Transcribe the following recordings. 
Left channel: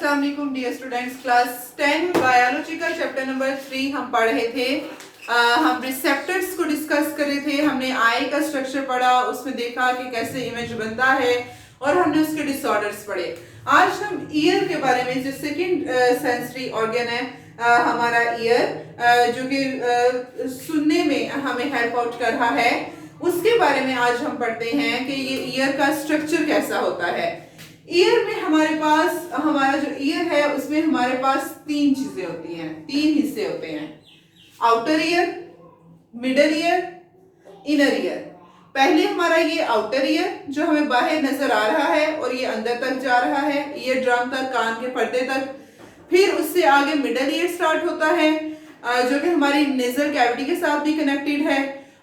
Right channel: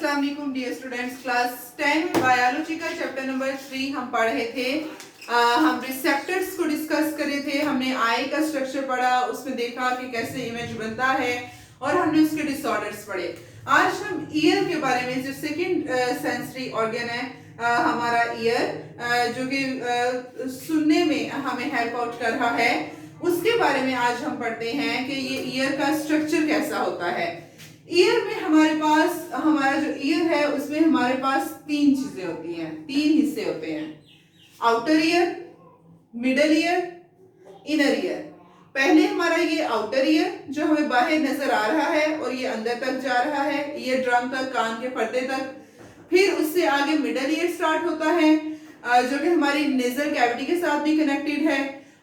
अस्सलाम वालेकुम dear students. Class 10 biology का चैप्टर नंबर 3 हम पढ़ रहे थे। हम रिसेप्टर्स को डिस्कस कर रहे थे। हमने आई का स्ट्रक्चर पढ़ा, उसमें देखा कि कैसे इमेज बनता है और हमने उसके डिसऑर्डर्स पढ़े। आज हम ईयर के बारे में, जो सेकंड सेंसरी ऑर्गन है हमारा ईयर, जो कि सुनने में हमें हेल्प आउट कर रहा है, उसके बारे में आज हम पढ़ते हैं कि ये ईयर का स्ट्रक्चर कैसा होता है। ईयर में हमारे पास, हमारा जो ईयर है उसमें हमारे पास तीन चीजें होती हैं, तीन हिस्से होते हैं। Outer ear, middle ear, inner year. पहले हमारा ये आउटर ईयर जो हमें बाहर नजर आ रहा है और ये अंदर तक जा रहा है, ईयर ड्रम तक, कान के पर्दे तक। फिर उससे आगे मिडल ईयर स्टार्ट होता है जो कि हमारी नेजल कैविटी के साथ भी कनेक्टेड है।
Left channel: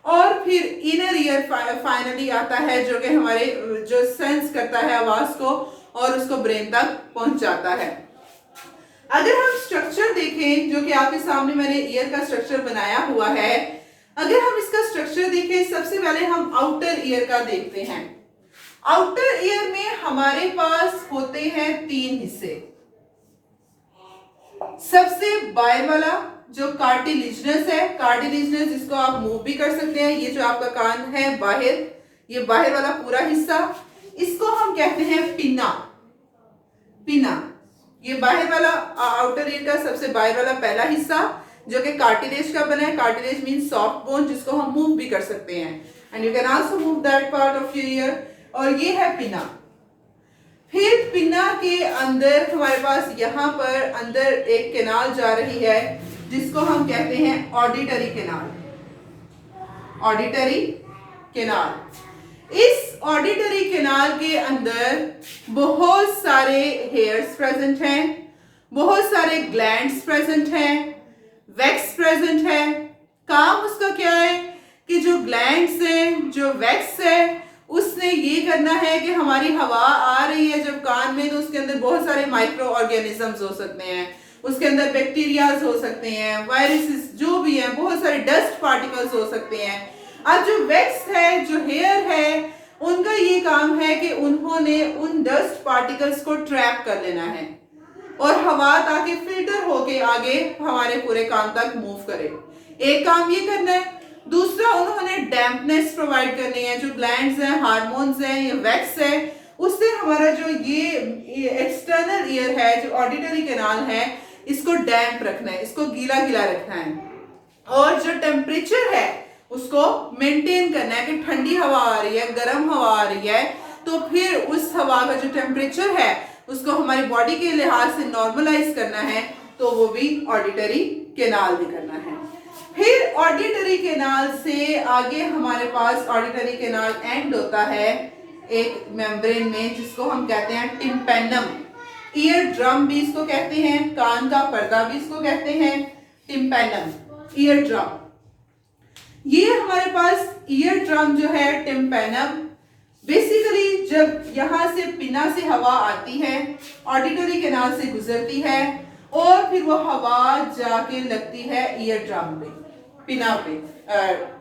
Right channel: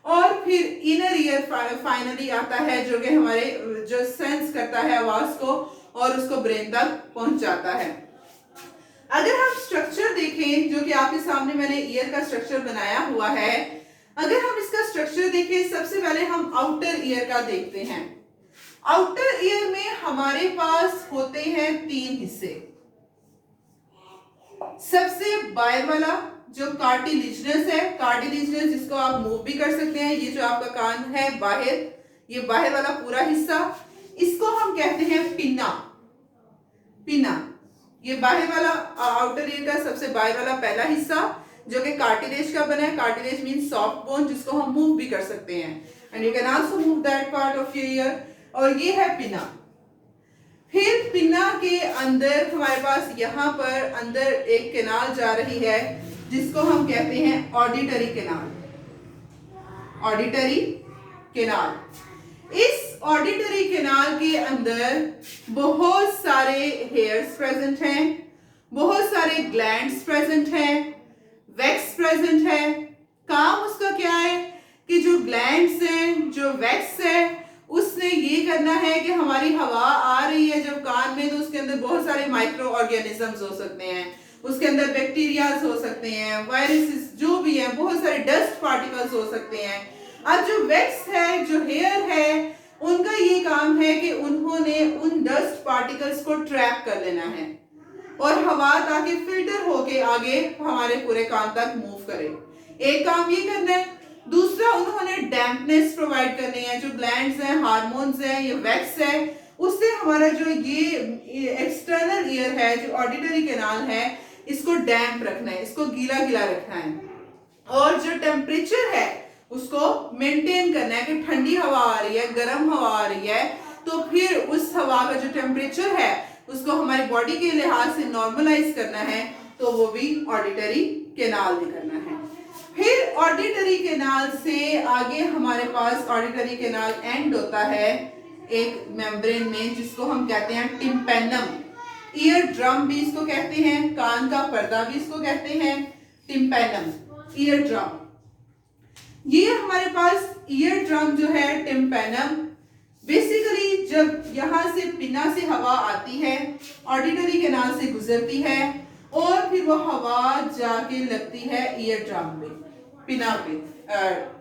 और फिर इनर ईयर फाइनली आता है जो कि हमारे जो सेंस करता है आवाज को और उसको ब्रेन तक पहुंचाता है। अगर हम स्ट्रक्चर देखें, जो कि आपके सामने मैंने ईयर का स्ट्रक्चर बनाया हुआ है, अगर हम इसका स्ट्रक्चर देखें, सबसे पहले हम आउटर ईयर का देखते हैं। आउटर ईयर में हमारे पास होते हैं तीन हिस्से। सबसे बाहर वाला जो कार्टिलेजिनस है, कार्टिलेजिनस जिसको आप मूव भी कर सकते हैं, ये जो आपका कान है बाहर, ये बाहर वाला पूरा हिस्सा, इसको हम कहते हैं पिना। पिना ये बाहर वाला आउटर ईयर का सबसे बाहर वाला पहला हिस्सा जो कि कार्टिलेज का बना है। कार्टिलेज मींस सॉफ्ट बोन जिसको हम मूव भी कर सकते हैं, and you can also move that part of your year, और ये है पिना। फिर पिना के अंदर हमारे पास यहाँ पर अंदर एक कैनाल जा रही है जिसको हम कहते हैं ऑडिटरी कैनाल। ऑडिटरी कैनाल, इस ऑडिटरी कैनाल के अंदर बहुत सारे हेयर्स प्रेजेंट हैं, बहुत सारे ग्लैंड्स प्रेजेंट हैं, वैक्स प्रेजेंट है। काम उसका क्या है कि जो ग्लैंड्स हैं, जो वैक्स है, उसने ये करना है कि हमारी हवा आ रही है जब कान में, तो उसके अंदर बहुत सारे माइक्रो ऑर्गेनिजम्स हो सकते हैं, उसके अंदर बैक्टीरियाज हो सकते हैं, वायरसेस जो भी है, बहुत सारे डस्ट पार्टिकल्स हो सकते हैं। अब जो वैक्स है, जो हेयर है, उनका ये काम है कि उन्होंने उन डस्ट पार्टिकल्स को ट्रैप कर लेना है और हवा ताकि फिल्टर होके आगे हमारे पूरे कान तक मूव करे। एक काम ये करना है। दूसरा, उन्होंने डैम्पनेस प्रोवाइड करनी है। जो ग्लैंड्स हैं, हार्मोन्स हैं, ये वैक्स है, उससे हमारा जो ये एक्सटर्नल ईयर है, जो ऑडिटरी कैनाल है, इसको डैम्प रखना है, इसको गीला गीला रखना है। और जो टेम्परेचर है उसको मेंटेन करना है कि ठंडी हवा आ रही है, गर्म हवा आ रही है, तो फिर उस हवा का जो टेम्परेचर है उसको हमारी बॉडी के लिहाज से नॉर्मलाइज करना है, तो वो भी ऑडिटरी कैनाल में करना है। फिर ऑडिटरी कैनाल से आगे हमारे पास ऑडिटरी कैनाल एंड होता है एक मेम्ब्रेन में जिसको हम कहते हैं टिम्पैनम। ईयर ड्रम भी इसको कहते हैं, कान का पर्दा भी इसको कहते हैं, टिम्पैनम, ईयर ड्रम। ये हमारे पास ईयर ड्रम जो है टिम्पैनम, बेसिकली जब यहां से पिना से हवा आती है, ऑडिटरी कैनाल से गुजरती है और फिर वो हवा जाके लगती है ईयर ड्रम पे, पिना पे,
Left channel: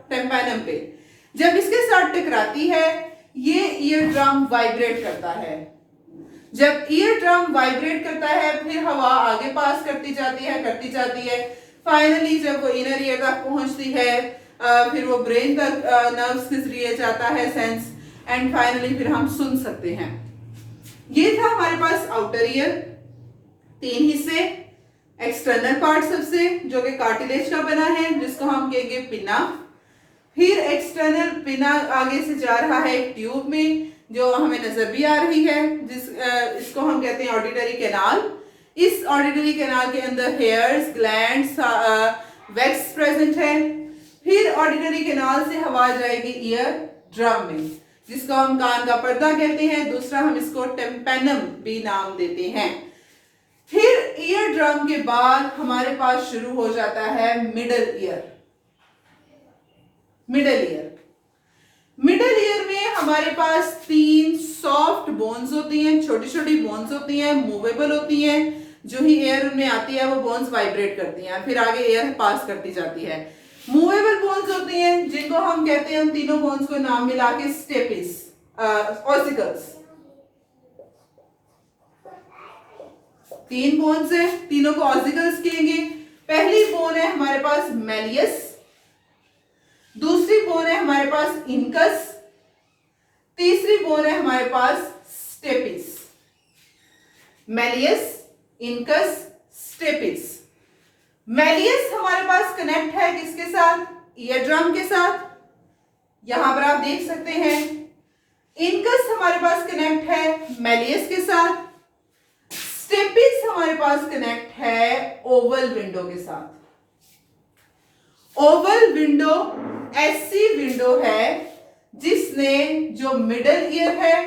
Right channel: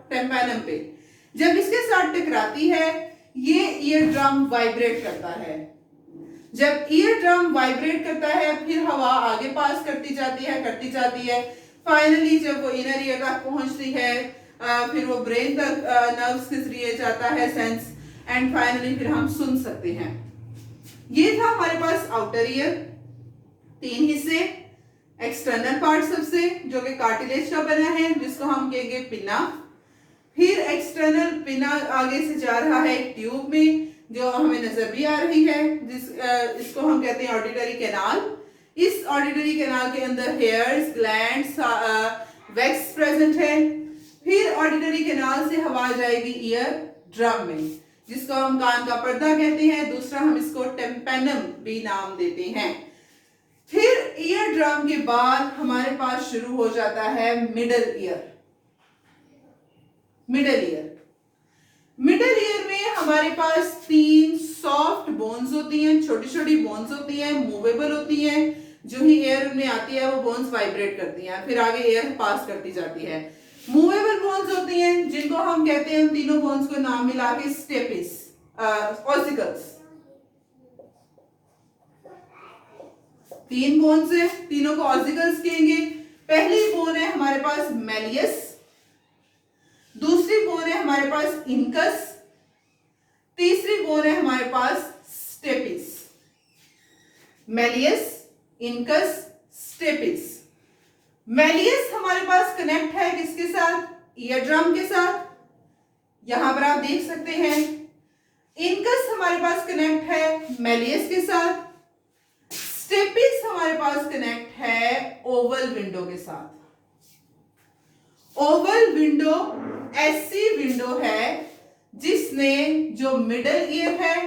टिम्पैनम पे। जब इसके साथ टकराती है, ये ईयर ड्रम वाइब्रेट करता है। जब ईयर ड्रम वाइब्रेट करता है, फिर हवा आगे पास करती जाती है, करती जाती है। फाइनली जब वो इनर ईयर तक पहुंचती है, फिर वो ब्रेन तक नर्व्स के जरिए जाता है सेंस, एंड फाइनली फिर हम सुन सकते हैं। ये था हमारे पास आउटर ईयर, तीन हिस्से। एक्सटर्नल पार्ट सबसे, जो कि कार्टिलेज का बना है, जिसको हम कहेंगे पिना। फिर एक्सटर्नल पिना आगे से जा रहा है एक ट्यूब में जो हमें नजर भी आ रही है, इसको हम कहते हैं ऑडिटरी कैनाल। इस ऑडिटरी कैनाल के अंदर हेयर्स, ग्लैंड्स, वैक्स प्रेजेंट है। फिर ऑडिटरी कैनाल से हवा जाएगी ईयर ड्रम में, जिसको हम कान का पर्दा कहते हैं। दूसरा, हम इसको टिम्पैनम भी नाम देते हैं। फिर ईयर ड्रम के बाद हमारे पास शुरू हो जाता है middle ear. Middle ear, middle ear में हमारे पास तीन सॉफ्ट बोन्स होती हैं, छोटी छोटी बोन्स होती हैं, मूवेबल होती हैं। जो ही एयर उनमें आती है वो बोन्स वाइब्रेट करती हैं, फिर आगे एयर पास करती जाती है। मूवेबल बोन्स होती हैं जिनको हम कहते हैं, उन तीनों बोन्स को नाम मिला के स्टेपिस, ऑसिकल्स। 3 बोन्स है, तीनों को ऑसिकल्स कहेंगे। पहली बोन है हमारे पास मैलियस, दूसरी बोन है हमारे पास इनकस, तीसरी बोन है हमारे पास stapes. Malleus, incus, stapes. Malleus हमारे पास कनेक्ट है किसके साथ? ईयर ड्रम के साथ, यहां पर आप देख सकते हैं। इनकस हमारे पास कनेक्ट है मैलियस के साथ, स्टेपिस हमारे पास कनेक्ट है ओवल विंडो के साथ। ओवल विंडो ऐसी विंडो है जिसने जो मिडल ईयर है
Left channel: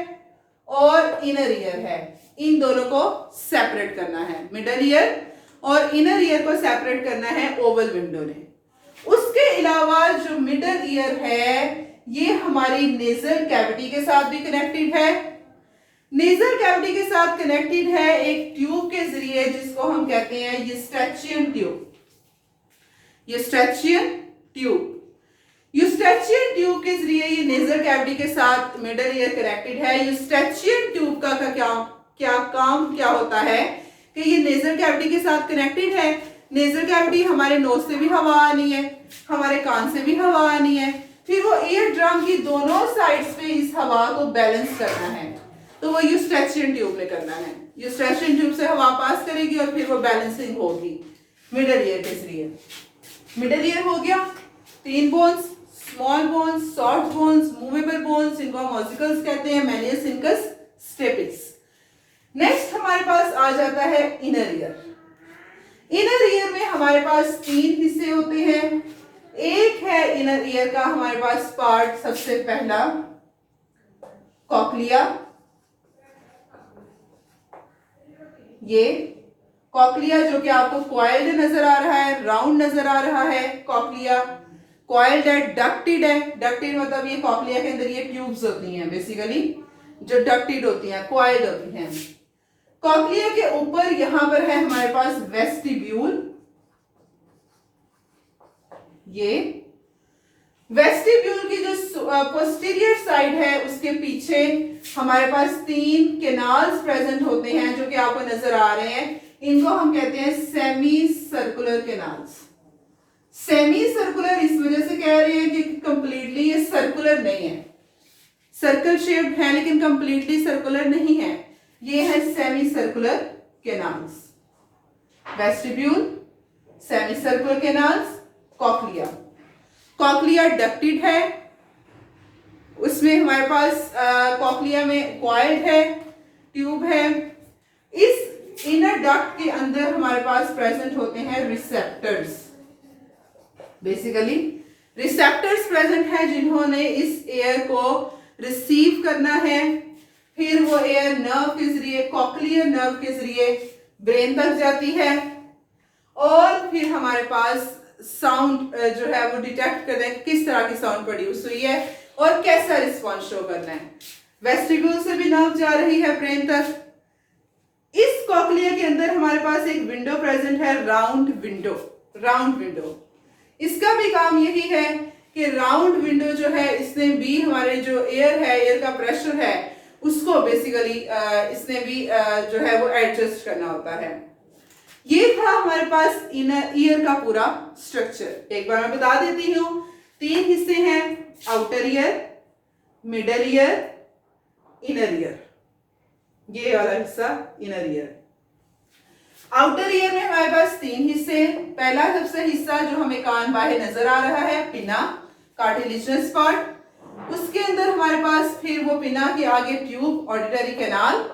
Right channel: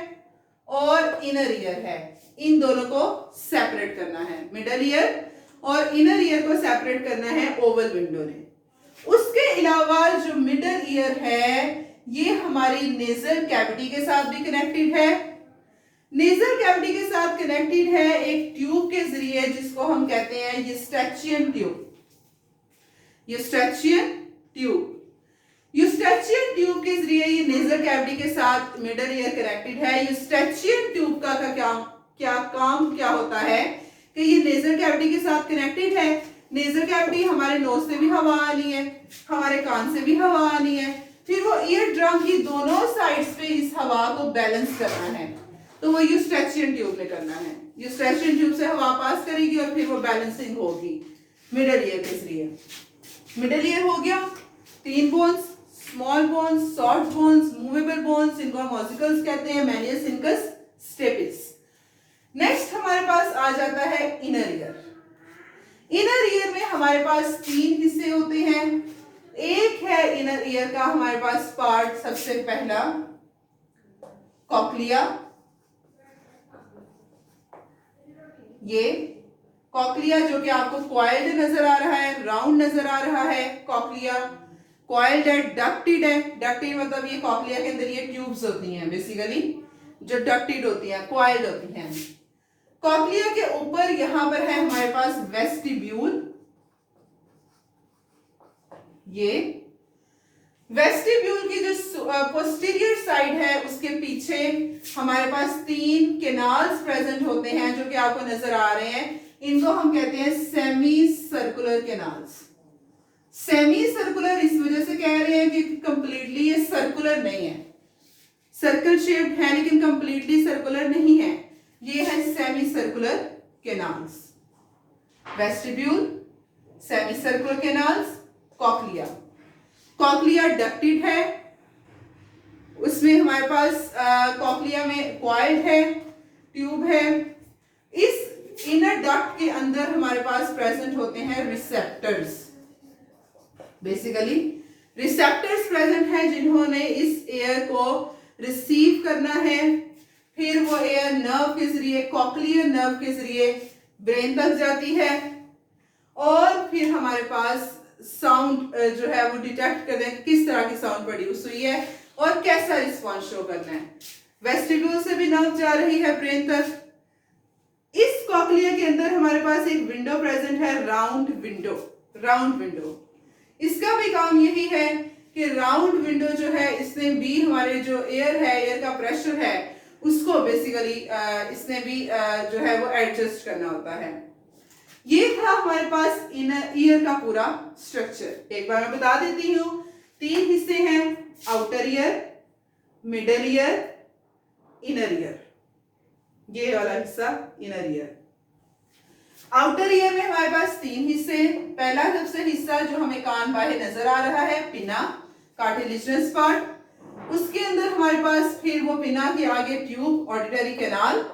और इनर ईयर है, इन दोनों को सेपरेट करना है। मिडल ईयर और इनर ईयर को सेपरेट करना है ओवल विंडो ने। उसके अलावा जो मिडल ईयर है ये हमारी नेजल कैविटी के साथ भी कनेक्टेड है। नेजल कैविटी के साथ कनेक्टेड है एक ट्यूब के जरिए जिसको हम कहते हैं यूस्ट्रेचियन ट्यूब। यूस्ट्रेचियन ट्यूब, यूस्ट्रेचियन ट्यूब के जरिए ये नेजल कैविटी के साथ मिडल ईयर कनेक्टेड है। यूस्ट्रेचियन ट्यूब का क्या काम क्या होता है कि ये नेजल कैविटी के साथ कनेक्टेड है। नेजल कैविटी हमारे नोज से भी हवा आनी है, हमारे कान से भी हवा आनी है, फिर वो ईयर ड्रम की दोनों साइड्स पे इस हवा को बैलेंस करना है, तो वो यूस्ट्रेचियन ट्यूब में करना है। यूस्ट्रेचियन ट्यूब से हवा पास करेगी और फिर वो बैलेंसिंग होगी मिडल ईयर के जरिए। मिडल ईयर हो गया, 3 bones, small bones, short bones, movable bones, इनको हम ऑसिकल्स कहते हैं, मैलियस, इनकस, स्टेपिस। नेक्स्ट हमारे पास आ जाता है इनर ईयर। इनर ईयर में हमारे पास 3 हिस्से होते हैं। एक है इनर ईयर का हमारे पास पार्ट, सबसे पहला कॉक्लिया। ये कॉक्लिया जो कि आपको कॉइल्ड नजर आ रहा है, राउंड नजर आ रहा है। कॉक्लिया कॉइल्ड है, डक्टेड है। डक्टेड मतलब ये कॉक्लिया के अंदर ये ट्यूब्स होती हैं बेसिकली जो डक्टेड होती हैं, कॉइल्ड होती हैं। कॉक्लिया के ऊपर यहां पर है हमारे पास वेस्टिब्यूल। ये वेस्टिब्यूल की जो पोस्टीरियर साइड है उसके पीछे हमारे पास 3 कैनाल्स प्रेजेंट होते हैं जो कि आपको नजर आ रहे हैं। इनको हम कहते हैं semi circular canals. Semi circular इस वजह से कह रहे हैं कि कंप्लीटली ये सर्कुलर नहीं है, सर्कल शेप है लेकिन कंप्लीटली सर्कुलर नहीं है। ये है semi circular canals. Vestibule, semi circular canals, cochlea. Cochlea ducted है, उसमें हमारे पास कॉक्लिया में कॉइल्ड है, ट्यूब है। इस इनर डक्ट के अंदर हमारे पास प्रेजेंट होते हैं रिसेप्टर्स। बेसिकली रिसेप्टर्स प्रेजेंट है जिन्होंने इस एयर को रिसीव करना है, फिर वो एयर नर्व के जरिए, कॉक्लियर नर्व के जरिए ब्रेन तक जाती है और फिर हमारे पास साउंड जो है वो डिटेक्ट करना है किस तरह की साउंड प्रोड्यूस हुई है और कैसा रिस्पॉन्स शो करना है। वेस्टिब्यूल से भी नर्व जा रही है ब्रेन तक। इस कॉक्लिया के अंदर हमारे पास एक विंडो प्रेजेंट है, राउंड विंडो। राउंड विंडो, इसका भी काम यही है कि राउंड विंडो जो है इसने भी हमारे जो एयर है, एयर का प्रेशर है उसको बेसिकली इसने भी जो है वो एडजस्ट करना होता है। ये था हमारे पास इनर ईयर का पूरा स्ट्रक्चर। एक बार मैं बता देती हूँ, 3 हिस्से हैं, outer ear, middle ear, inner year. ये वाला हिस्सा इनर ईयर। आउटर ईयर में हमारे पास 3 हिस्से। पहला सबसे हिस्सा जो हमें कान बाहे नजर आ रहा है, पिना, कार्टिलेजिनस पार्ट। उसके अंदर हमारे पास फिर वो पिना के आगे tube, auditory canal.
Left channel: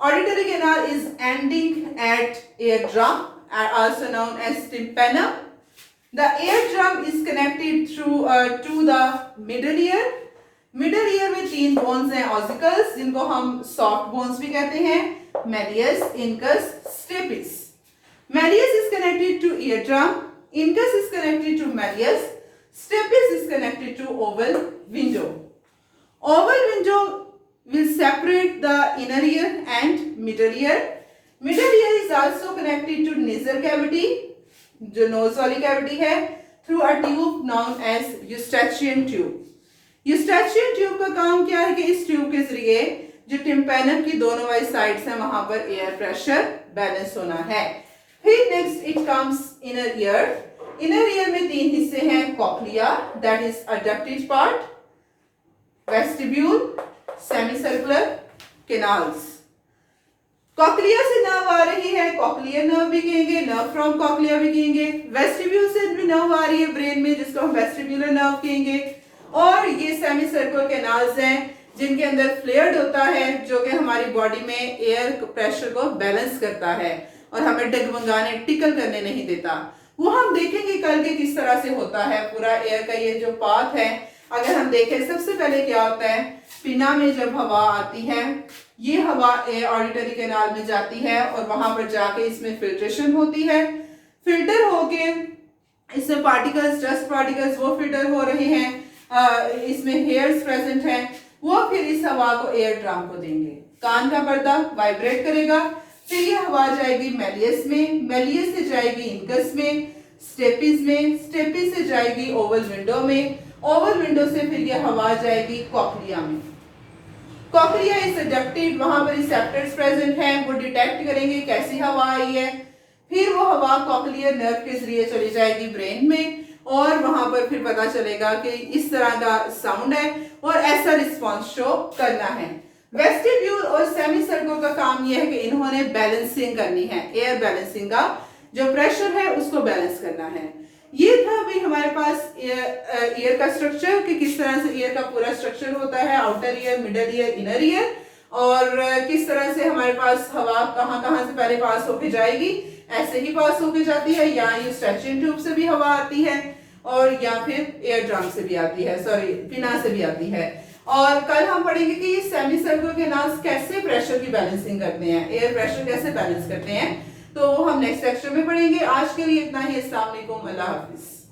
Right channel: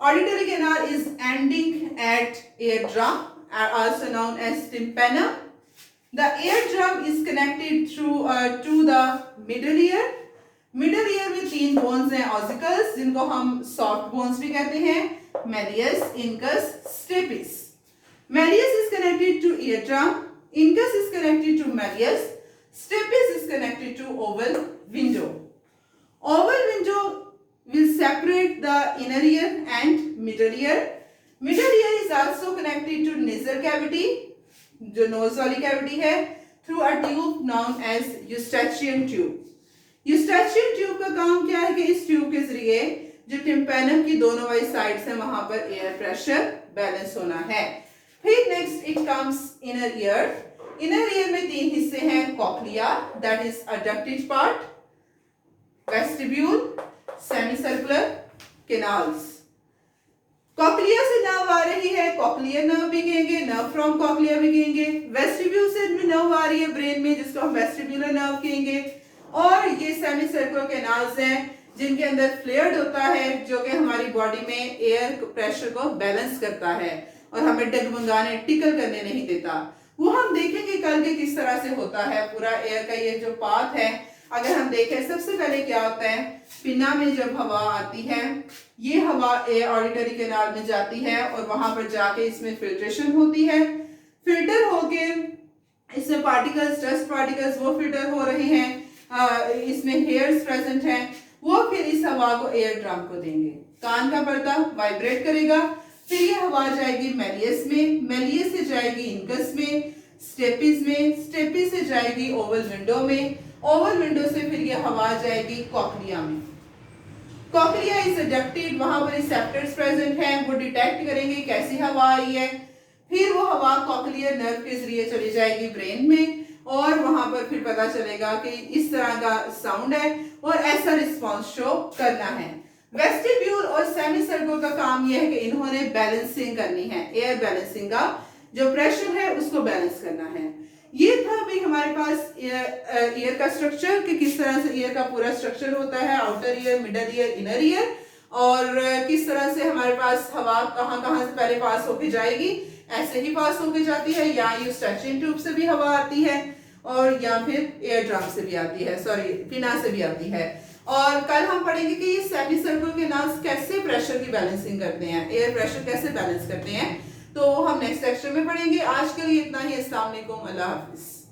Auditory canal is ending at eardrum, also known as tympanum. The eardrum is connected through to the middle ear. Middle ear में 3 bones हैं, ossicles, जिनको हम soft bones भी कहते हैं, malleus, incus, stapes. Malleus is connected to eardrum, incus is connected to malleus, stapes is connected to oval window. Oval window will separate the inner ear and middle ear. Middle ear is also connected to nasal cavity, जो nose वाली cavity है, through a tube known as eustachian tube. Eustachian tube का काम क्या है कि इस tube के जरिए जो टिम्पैनम की दोनों वाली साइड्स हैं वहां पर एयर प्रेशर बैलेंस होना है। फिर next it comes inner ear. Inner ear में 3 हिस्से हैं, cochlea that is adducted part, vestibule, semicircular, canals. Cochlea से नर्व आ रही है, कॉक्लियर नर्व भी कहेंगे, नर्व फ्रॉम कॉक्लिया भी कहेंगे। वेस्टिब्यूल से भी नर्व आ रही है ब्रेन में, जिसको हम वेस्टिब्यूलर नर्व कहेंगे। और ये सेमी सर्कुलर कैनाल्स हैं जिनके अंदर फ्लेयर्ड होता है, जो कि हमारी बॉडी में एयर प्रेशर को बैलेंस करता है और हमें डगमगाने टिकल करने नहीं देता। वो हम देखेंगे कल के किस तरह से होता है पूरा एयर का ये जो पाथ है। अगर हम देखें सबसे पहले क्या होता है, पिना में जब हवा आती है, ये हवा ऑडिटरी कैनाल में जाती है और वहां पर जाके इसमें फिल्ट्रेशन होती है। फिल्टर होके इसमें पार्टिकल्स, डस्ट पार्टिकल्स वो फिल्टर हो रहे हैं, इसमें हेयर्स प्रेजेंट हैं, वो फिर इस हवा को एयर ड्रम को देंगे। कान का पर्दा वाइब्रेट करेगा, फिर ये हवा जाएगी मेलियस में, मेलियस से जाएगी इनकस में, स्टेपिस में, स्टेपिस से जाएगी ओवल विंडो में, ओवल विंडो से फिर ये हवा जाएगी कॉक्लिया में। कॉक्लिया इज अडक्टेड, वहां पर रिसेप्टर्स प्रेजेंट हैं, वो डिटेक्ट करेंगे कैसी हवा आई है। फिर वो हवा कॉक्लियर नर्व के जरिए चली जाएगी ब्रेन में और वहां पर फिर पता चलेगा कि इस तरह का साउंड है और ऐसा रिस्पॉन्स शो करना है। वेस्टिब्यूल और सेमी सर्कुलर का काम यह है कि इन्होंने बैलेंसिंग करनी है, एयर बैलेंसिंग का जो प्रेशर है उसको बैलेंस करना है। ये था भाई हमारे पास ईयर का स्ट्रक्चर कि किस तरह से ईयर का पूरा स्ट्रक्चर होता है, outer ear, middle ear, inner year, और किस तरह से हमारे पास हवा कहाँ कहाँ से पहले पास होके जाएगी, ऐसे ही पास होके जाती है, या ये स्ट्रेचिंग ट्यूब से भी हवा आती है और या फिर एयर ड्रम से भी आती है, सॉरी पिना से भी आती है। और कल हम पढ़ेंगे कि ये सेमी सर्कुलर कैनाल्स कैसे प्रेशर की बैलेंसिंग करते हैं, एयर प्रेशर कैसे बैलेंस करते हैं, तो हम नेक्स्ट सेक्शन में पढ़ेंगे। आज के लिए इतना ही। अस्सलाम वालेकुम, अल्लाह हाफिज।